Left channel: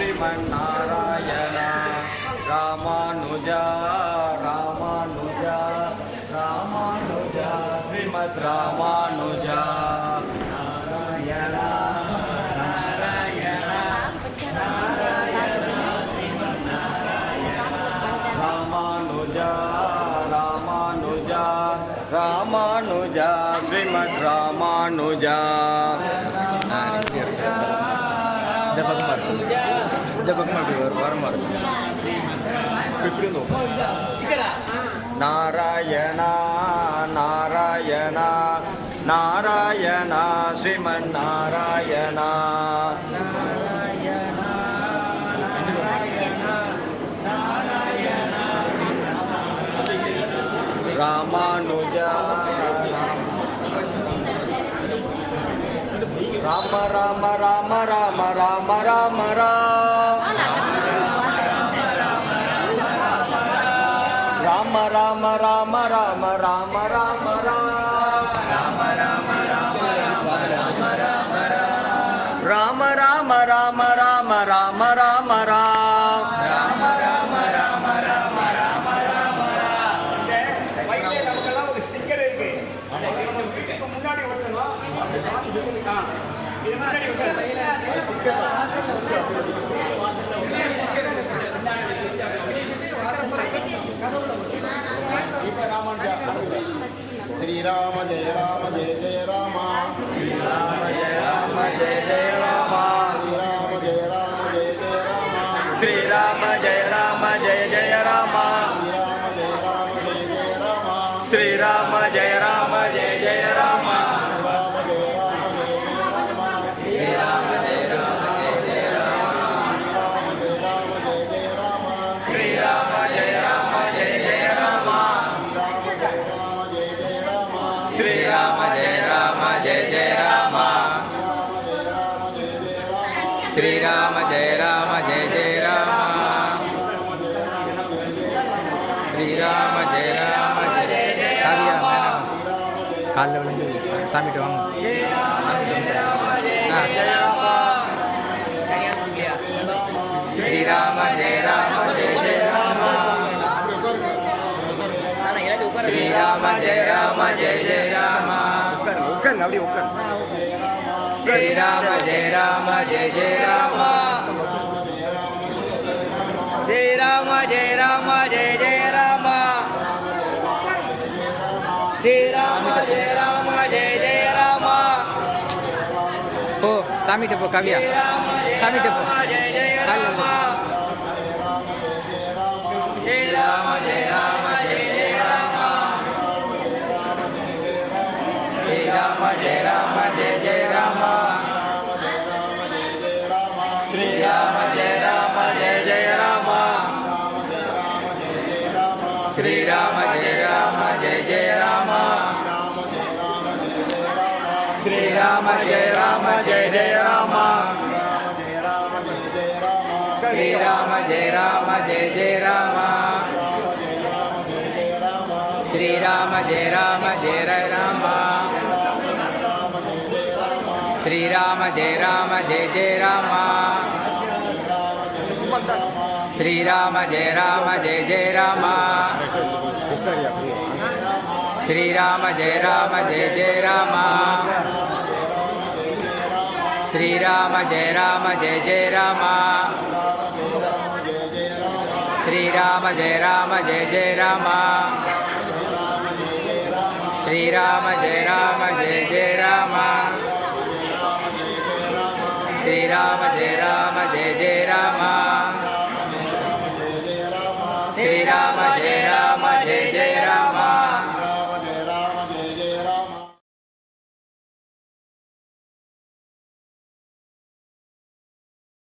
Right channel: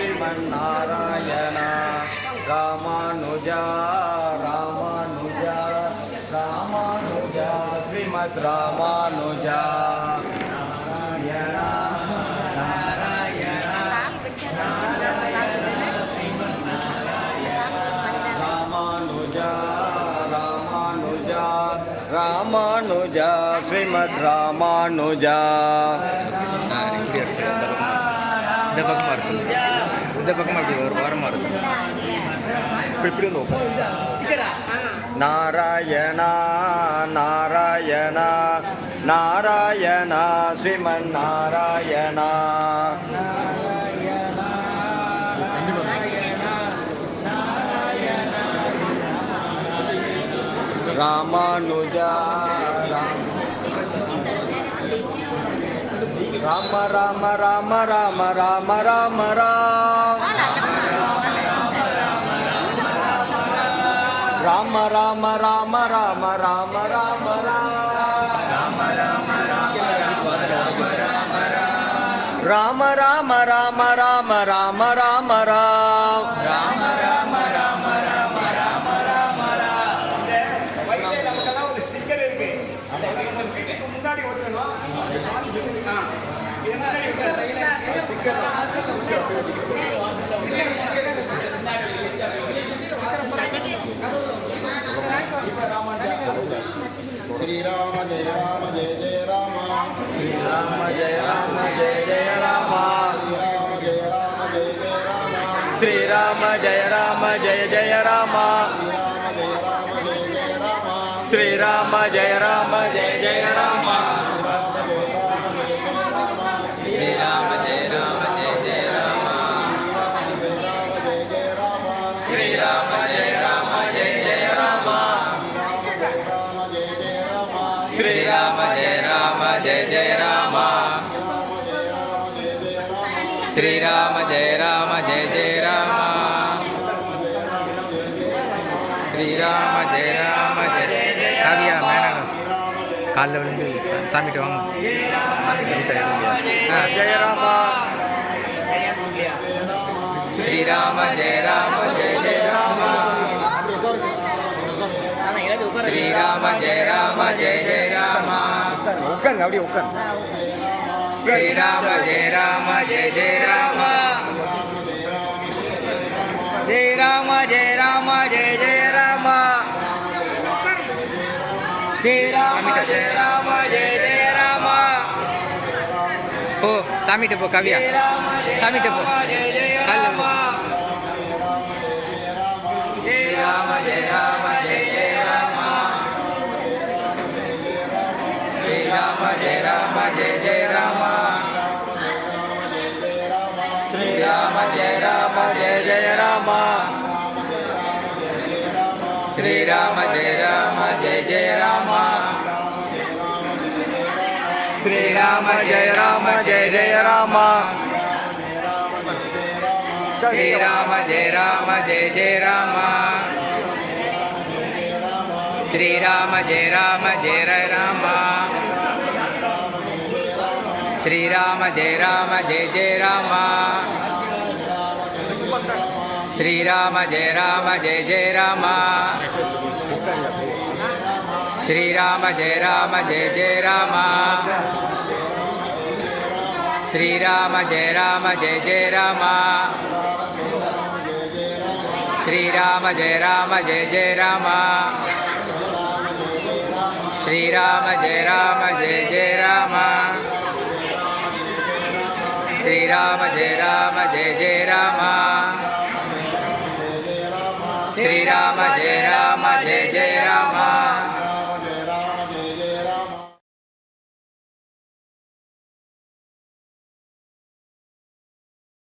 श्रीमन्नारायण रामानुजा रामानुजा रामानुजा श्रीमद् रामानुजा नारायण नारायण रामानुजा रामानुजा रामानुजा श्रीमद् रामानुजा இந்த பக்கம் வர சொல்லு இந்த பக்கம் அப்படி ஒரு வாரமாக இருக்கும் இப்படி நாராயண நாராயண நாராயண ஸ்ரீமன் நாராயண ராமானுஜா ராம ராம ராம ராம ராம ராம ராம ராம ராம ராம ராம ராம ராம ராம ராம ராம ராம ராம முன்னாடி ஒட்டணும் श्रीराम जय राम जय जय राम श्रीराम जय राम जय जय राम श्रीराम जय राम जय जय राम श्रीराम जय राम जय जय राम श्रीराम जय राम जय जय राम श्रीराम जय राम जय जय राम श्रीराम जय राम जय जय राम श्रीराम जय राम जय जय राम श्रीराम जय राम जय काव्या मैंने काल विழுந்து சாமிட்ட வாங்க சாமிட்ட जय राम श्रीराम जय राम जय जय राम श्रीराम जय राम जय जय राम श्रीराम जय राम जय जय राम श्रीराम जय राम जय जय राम श्रीराम जय राम जय जय राम हो சாமிட்ட போ காவியா சாமிட்ட போ கால் श्रीराम जय राम जय जय राम श्रीराम जय राम जय जय राम श्रीराम जय राम जय जय राम श्रीराम जय राम जय जय राम श्रीराम जय राम जय जय राम श्रीराम जय राम जय जय राम श्रीराम जय राम जय जय राम श्रीराम जय राम जय जय राम श्रीराम जय राम जय जय राम श्रीराम जय राम जय जय राम श्रीराम जय राम जय जय राम श्रीराम जय राम जय जय राम श्रीराम जय राम जय जय राम श्रीराम जय राम जय जय राम श्रीराम जय राम जय जय राम